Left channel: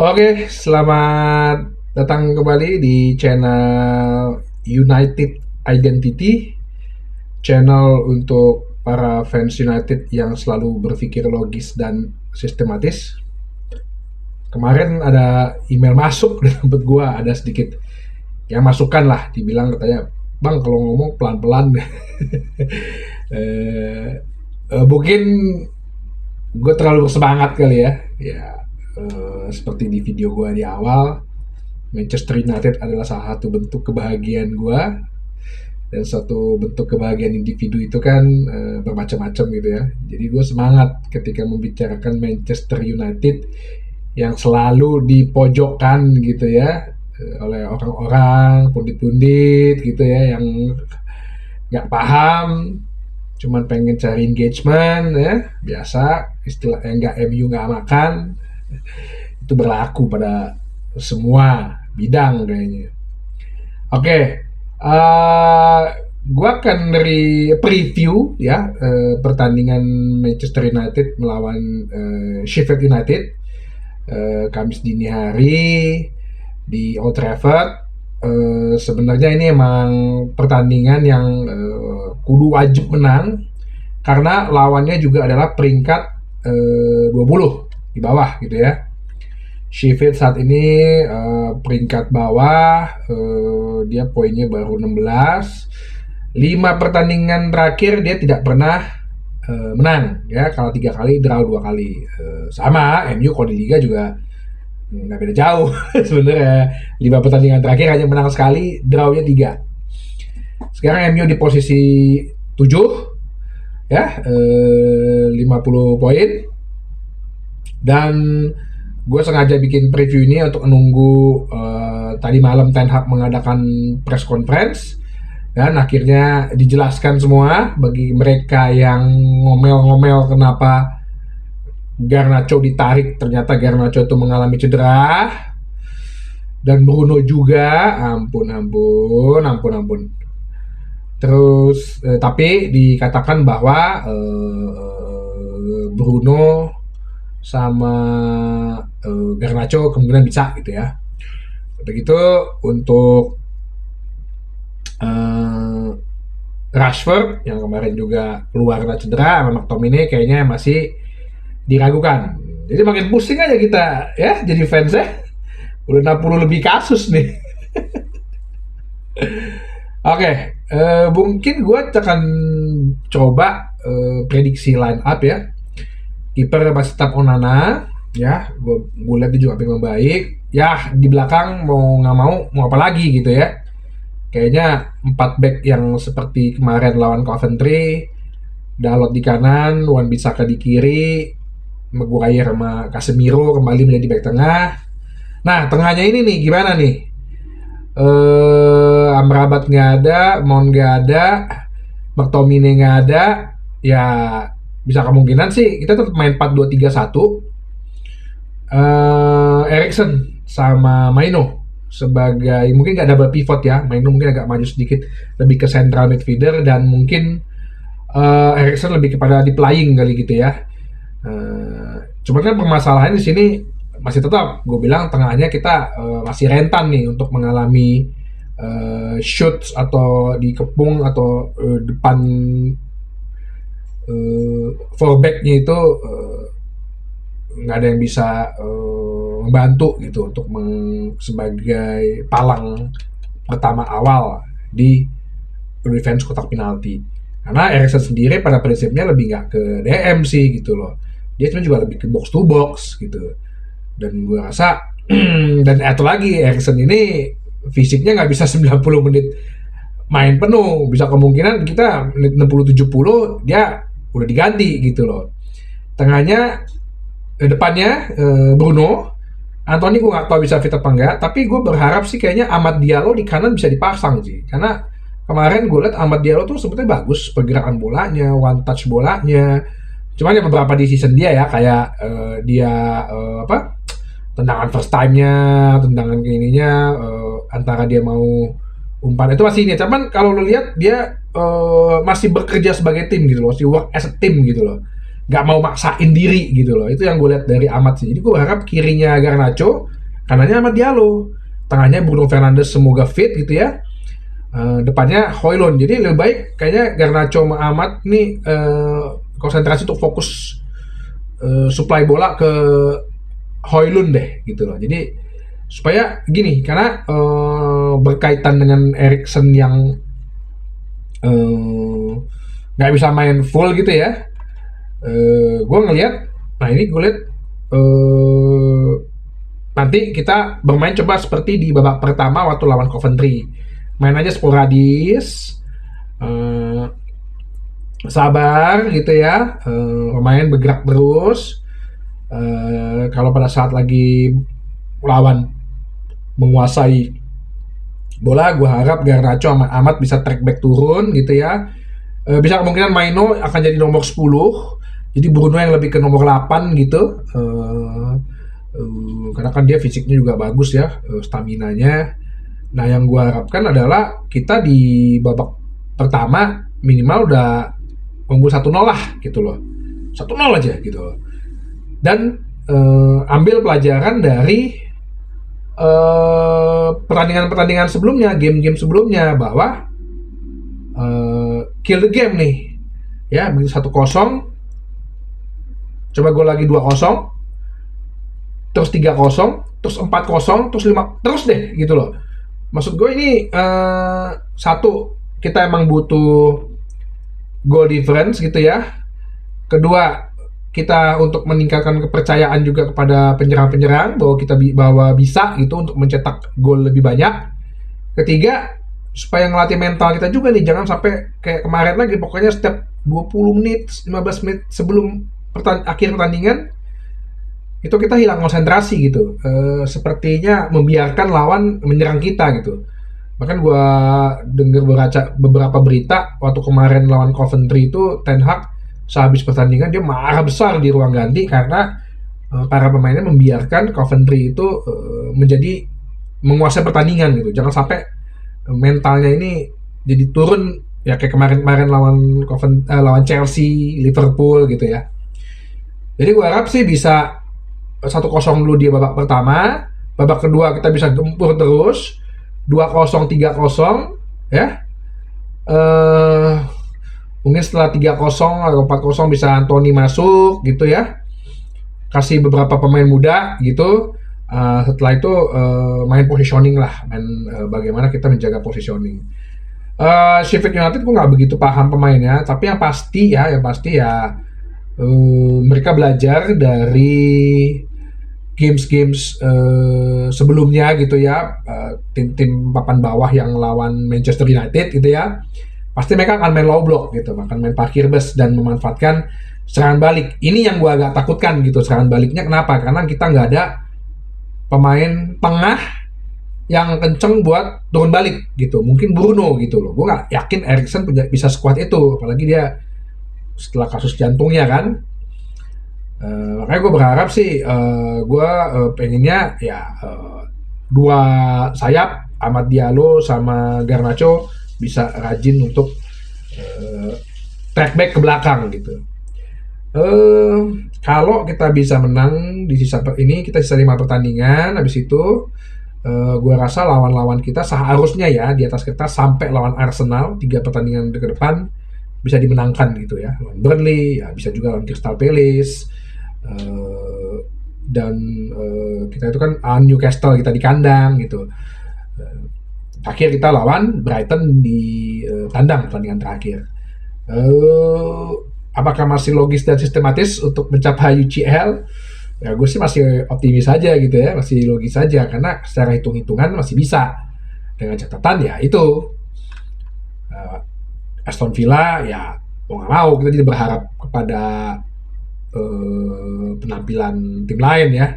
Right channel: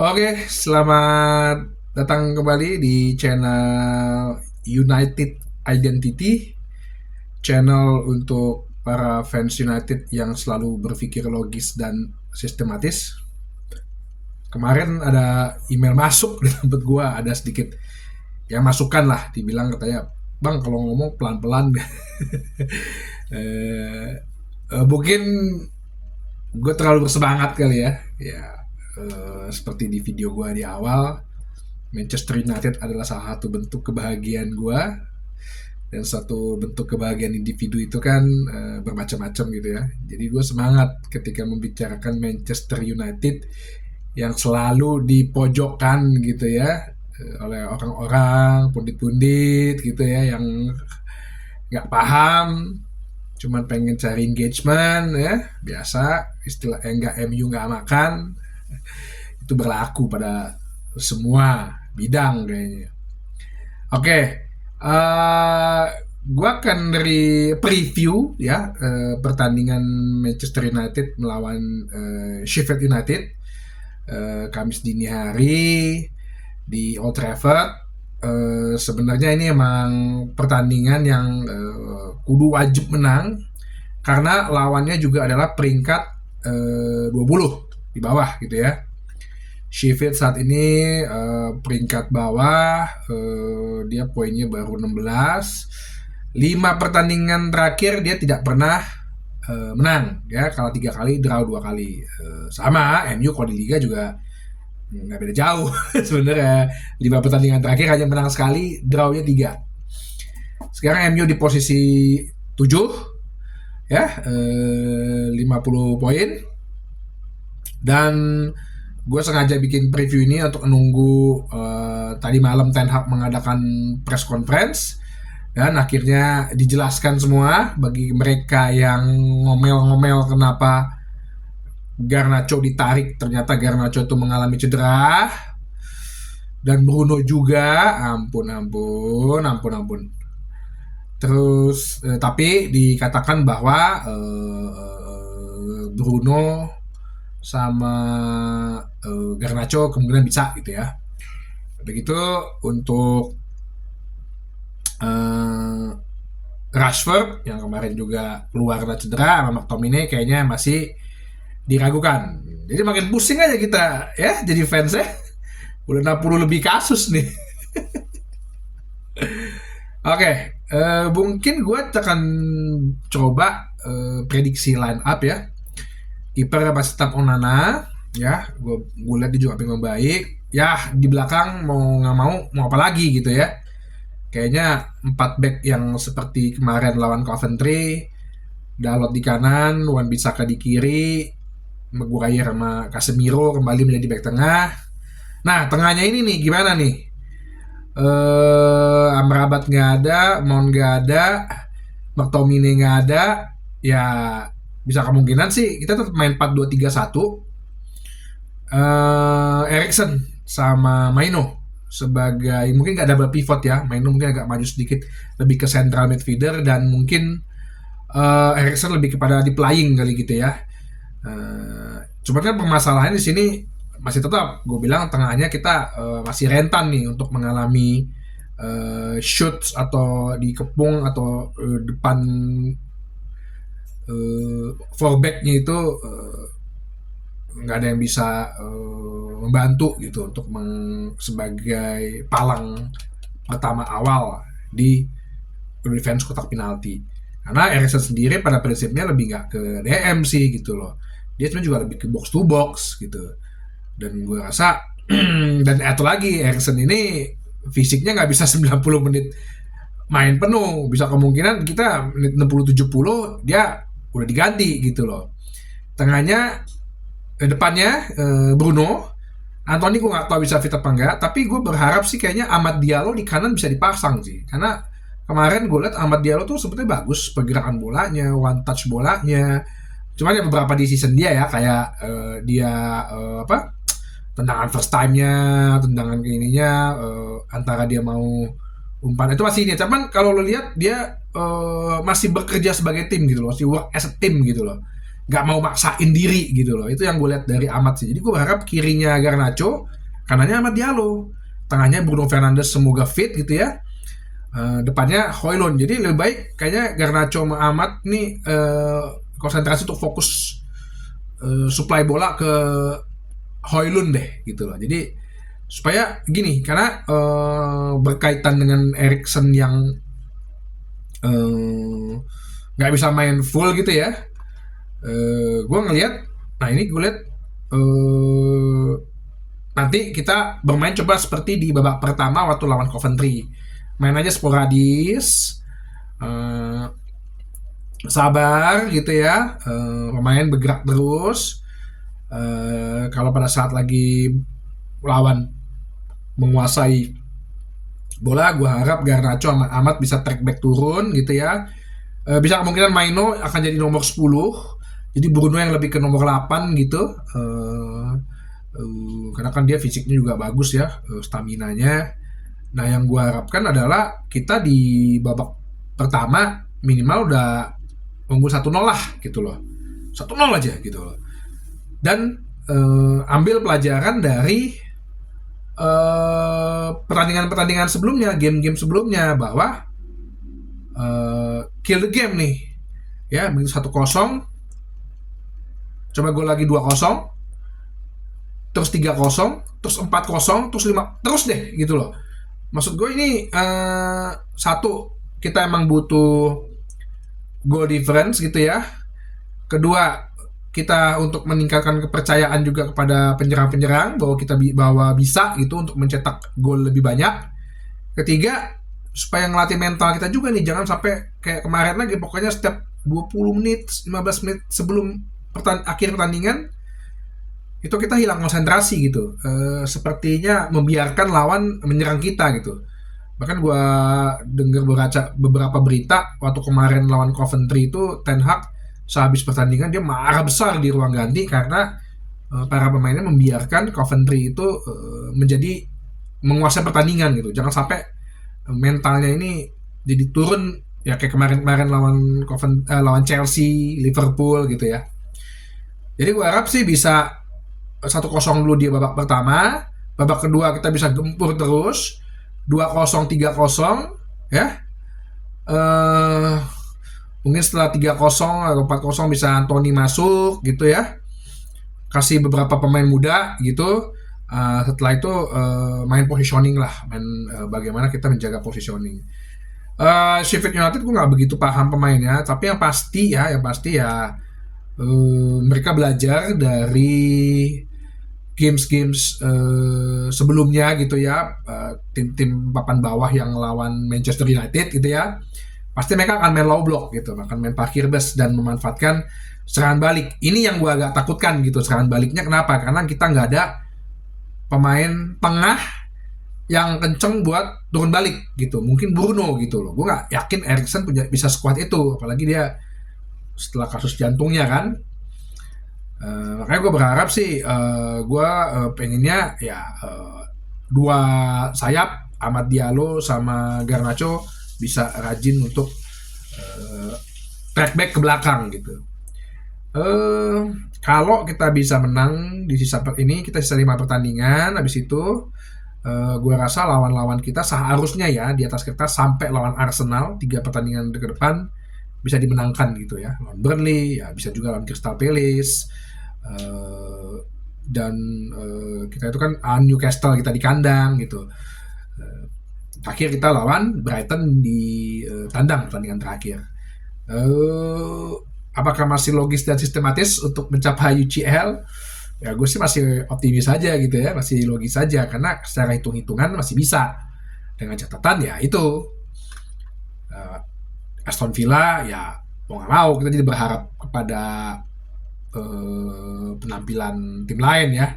Oke, selamat datang kembali di channel United Identity, channel untuk para fans United yang selalu berpikir logis dan sistematis. Kemarin ada email masuk di tempat gua, ada sedikit ya masukan lah, dibilang katanya, "Bang, kalau ngomong pelan-pelan." eh, Mungkin gue terlalu bersemangat kali ya. Ya, seperti di video gue di awal, Manchester United adalah salah satu bentuk kebahagiaan gue, dan satu bentuk kebahagiaan individu itu kan bermacam-macam gitu ya. Jadi gue semangat ketika membicarakan Manchester United yang selalu dipojokkan gitu ya, oleh orang-orang pundit-pundit gitu ya, yang nggak paham, cuman pengen cari engagement ya, biasa istilah yang nggak MU nggak makan. Itu berlaku pada semua bidang kayaknya. Oke, uh, gue akan dari preview ya, pertandingan Manchester United melawan Sheffield United, Kamis dini hari di Old Trafford. Sebenarnya ini emang pertandingan yang kudu wajib menang karena lawannya juga adalah peringkat 20 di bawah gitu ya. Sheffield saat ini peringkat bawah, dia poinnya baru 16. 5 pertandingan terakhir dia tidak pernah menang ya, kalau 3 kali draw 2 kali. Sama MU kalau di liga juga nggak beda jauh sebenarnya. 5 pertandingan terakhir hanya menang sekali, drawnya 3. Sekarang MU di posisi 7 ya, 50 poin. Dan gue sengaja bikin preview ini untuk menunggu tadi malam Ten Hag mengadakan press conference, dan akhirnya dijelaskan semua bagi mereka yang ngomel-ngomel kenapa Garnacho ditarik. Ternyata Garnacho itu mengalami cedera, dan Bruno juga. Ampun. Terus tapi dikatakan bahwa Bruno sama Garnacho kemungkinan bisa gitu ya. Begitu untuk Rashford yang kemarin juga keluar karena cedera, sama McTominay kayaknya masih diragukan. Jadi makin pusing aja kita ya jadi fans ya. Udah 60 lebih kasus nih. Oke, mungkin gue akan coba prediksi line up ya. Kiper masih tetap Onana ya, gue lihat dia juga pengen baik ya. Di belakang mau apa lagi gitu ya. Kayaknya 4 back yang seperti kemarin lawan Coventry, Dalot di kanan, Wan-Bissaka di kiri, Maguire sama Casemiro kembali menjadi back tengah. Nah, tengahnya ini nih gimana nih? Amrabat nggak ada, Mount nggak ada, McTominay nggak ada. Ya bisa kemungkinan sih kita tetap main 4-2-3-1. Eriksen sama Maino sebagai mungkin nggak double pivot ya. Maino mungkin agak maju sedikit lebih ke central midfielder, dan mungkin Eriksen lebih kepada di playing kali gitu ya. Cuman kan permasalahan di sini masih tetap gue bilang tengahnya kita masih rentan nih untuk mengalami shoots atau dikepung, atau depan fullbacknya itu nggak ada yang bisa membantu gitu untuk sebagai palang pertama awal di defense kotak penalti. Karena Eriksen sendiri pada prinsipnya lebih nggak ke DM sih gitu loh. Dia sebenarnya juga lebih ke box to box gitu. Dan gue rasa dan atau lagi Eriksen ini fisiknya nggak bisa 90 menit main penuh. Bisa kemungkinan kita menit 60-70 dia udah diganti gitu loh. Tengahnya depannya Bruno, Anthony gue nggak tahu bisa fit apa enggak, tapi gue berharap sih kayaknya Amad Diallo di kanan bisa dipasang sih, karena kemarin gue liat Amad Diallo tuh sebetulnya bagus pergerakan bolanya, one touch bolanya. Cuman ya beberapa di season dia ya, kayak dia tendangan first time-nya, tendangan ke ininya, antara dia mau umpan itu masih ini. Cuman kalau lo lihat dia masih bekerja sebagai tim gitu loh, masih work as a team gitu loh. nggak mau maksain diri gitu loh. Itu yang gue lihat dari Amat sih. Jadi gue berharap kirinya Garnacho, kanannya Amat Diallo, tengahnya Bruno Fernandes semoga fit gitu ya. Depannya Højlund. Jadi lebih baik kayaknya Garnacho sama Amat nih konsentrasi untuk fokus supply bola ke Højlund deh gitu loh. Jadi supaya gini, karena berkaitan dengan Eriksen yang nggak bisa main full gitu ya. Gue ngelihat, nah ini gue lihat nanti kita bermain coba seperti di babak pertama waktu lawan Coventry, main aja sporadis, sabar gitu ya, pemain bergerak terus. Kalau pada saat lagi lawan menguasai bola, gue harap Garnacho amat bisa track back turun gitu ya. Bisa kemungkinan Maino akan jadi nomor 10, jadi Bruno yang lebih ke nomor 8 gitu. Karena kan dia fisiknya juga bagus ya, staminanya. Nah yang gue harapkan adalah kita di babak pertama minimal udah unggul 1-0 lah gitu loh, 1-0 aja gitu loh. Dan ambil pelajaran dari pertandingan-pertandingan sebelumnya, game-game sebelumnya, bahwa kill the game nih ya. Begitu 1-0 coba gol lagi 2-0, terus 3-0, terus 4-0, terus 5, terus deh gitu loh. Maksud gue ini satu, kita emang butuh goal difference gitu ya. Kedua, kita untuk meningkatkan kepercayaan juga kepada penyerang-penyerang bahwa kita bisa gitu untuk mencetak gol lebih banyak. Ketiga, supaya ngelatih mental kita juga nih, jangan sampai kayak kemarin lagi, pokoknya setiap 20 menit, 15 menit sebelum akhir pertandingan itu kita hilang konsentrasi gitu. Sepertinya membiarkan lawan menyerang kita gitu. Bahkan gue dengar beberapa berita waktu kemarin lawan Coventry itu, Ten Hag sehabis pertandingan dia marah besar di ruang ganti karena para pemainnya membiarkan Coventry itu menjadi menguasai pertandingan gitu. Jangan sampai mentalnya ini jadi turun ya kayak kemarin lawan Chelsea, Liverpool gitu ya. Jadi gue harap sih bisa 1-0 dulu dia babak pertama, babak kedua kita bisa gempur terus 2-0, 3-0 ya. Mungkin setelah 3-0 atau 4-0 bisa Anthony masuk gitu ya, kasih beberapa pemain muda gitu. Setelah itu main positioning lah, main bagaimana kita menjaga positioning. Sheffield United gue nggak begitu paham pemainnya, tapi yang pasti ya mereka belajar dari games sebelumnya gitu ya, tim-tim papan bawah yang lawan Manchester United gitu ya. Pasti mereka akan main low block gitu, akan main parkir bus dan memanfaatkan serangan balik. Ini yang gue agak takutkan gitu, serangan baliknya. Kenapa? Karena kita nggak ada pemain tengah yang kenceng buat turun balik gitu. Mungkin Bruno gitu loh. Gue nggak yakin Eriksen bisa sekuat itu, apalagi dia setelah kasus jantungnya kan. Makanya gue berharap sih, gue pengennya ya dua sayap, Amad Diallo sama Garnacho, bisa rajin untuk track back ke belakang gitu. Kalau kita bisa menang di sisa ini, kita sisa 5 pertandingan, habis itu gue rasa lawan-lawan kita seharusnya ya di atas kertas sampai lawan Arsenal 3 pertandingan ke depan bisa dimenangkan gitu ya. Lawan Burnley ya, bisa juga lawan Crystal Palace, dan kita itu kan Newcastle kita di kandang gitu. Akhir kita lawan Brighton di tandang pertandingan terakhir. Apakah masih logis dan sistematis untuk mencapai UCL? Ya gue sih masih optimis saja gitu ya, masih logis saja, karena secara hitung-hitungan masih bisa. Dengan catatan ya itu Aston Villa ya mau nggak mau kita jadi berharap kepada penampilan tim lain ya.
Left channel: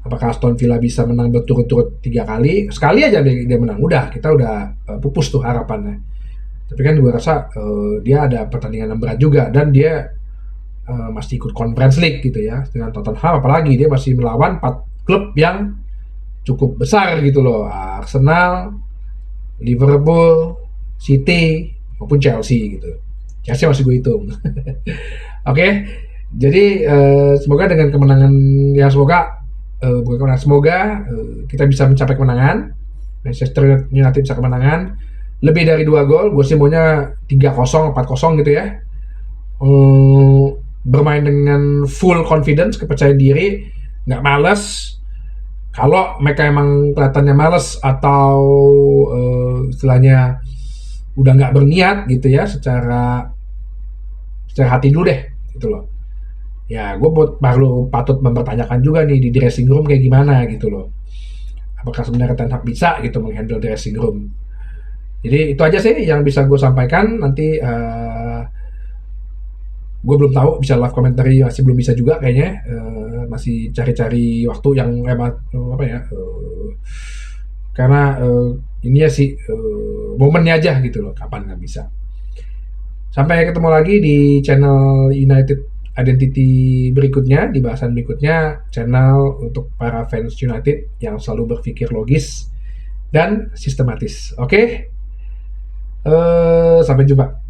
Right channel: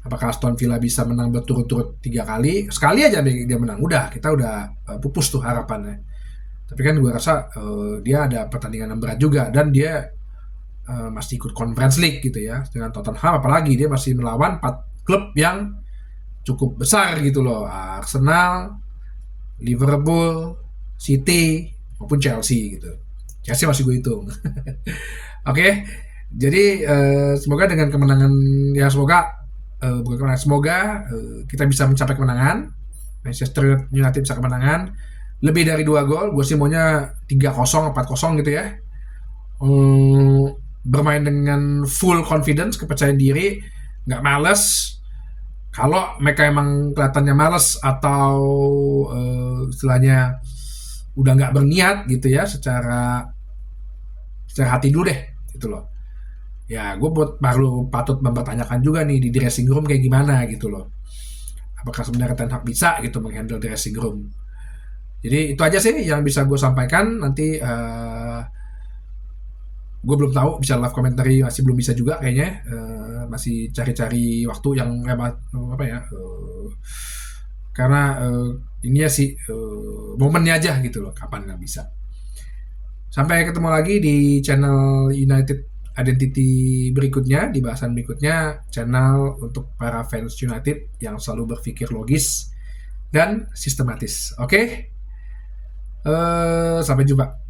Apakah Aston Villa bisa menang berturut-turut 3 kali? Sekali aja dia menang, udah kita udah pupus tuh harapannya. Tapi kan gue rasa dia ada pertandingan yang berat juga, dan dia masih ikut Conference League gitu ya dengan Tottenham, apalagi dia masih melawan 4 klub yang cukup besar gitu loh, Arsenal, Liverpool, City maupun Chelsea gitu. Chelsea masih gue hitung. Oke. Jadi semoga dengan kemenangan ya semoga bukan kemenangan semoga kita bisa mencapai kemenangan. Manchester United bisa kemenangan lebih dari 2 gol. Gue sih maunya 3-0, 4-0 gitu ya. Bermain dengan full confidence, kepercayaan diri, nggak males. Kalau mereka emang kelihatannya males atau istilahnya udah nggak berniat gitu ya, secara hati dulu deh gitu loh. Ya gue perlu patut mempertanyakan juga nih di dressing room kayak gimana gitu loh. Apakah sebenarnya Ten Hag bisa gitu menghandle dressing room. Jadi itu aja sih yang bisa gue sampaikan. Nanti gue belum tahu bisa live commentary, masih belum bisa juga kayaknya. Masih cari-cari waktu yang apa ya, karena ini ya sih momennya aja gitu loh, kapan nggak bisa. Sampai ketemu lagi di channel United Identity berikutnya, di bahasan berikutnya, channel untuk para fans United yang selalu berpikir logis dan sistematis. Oke, sampai jumpa.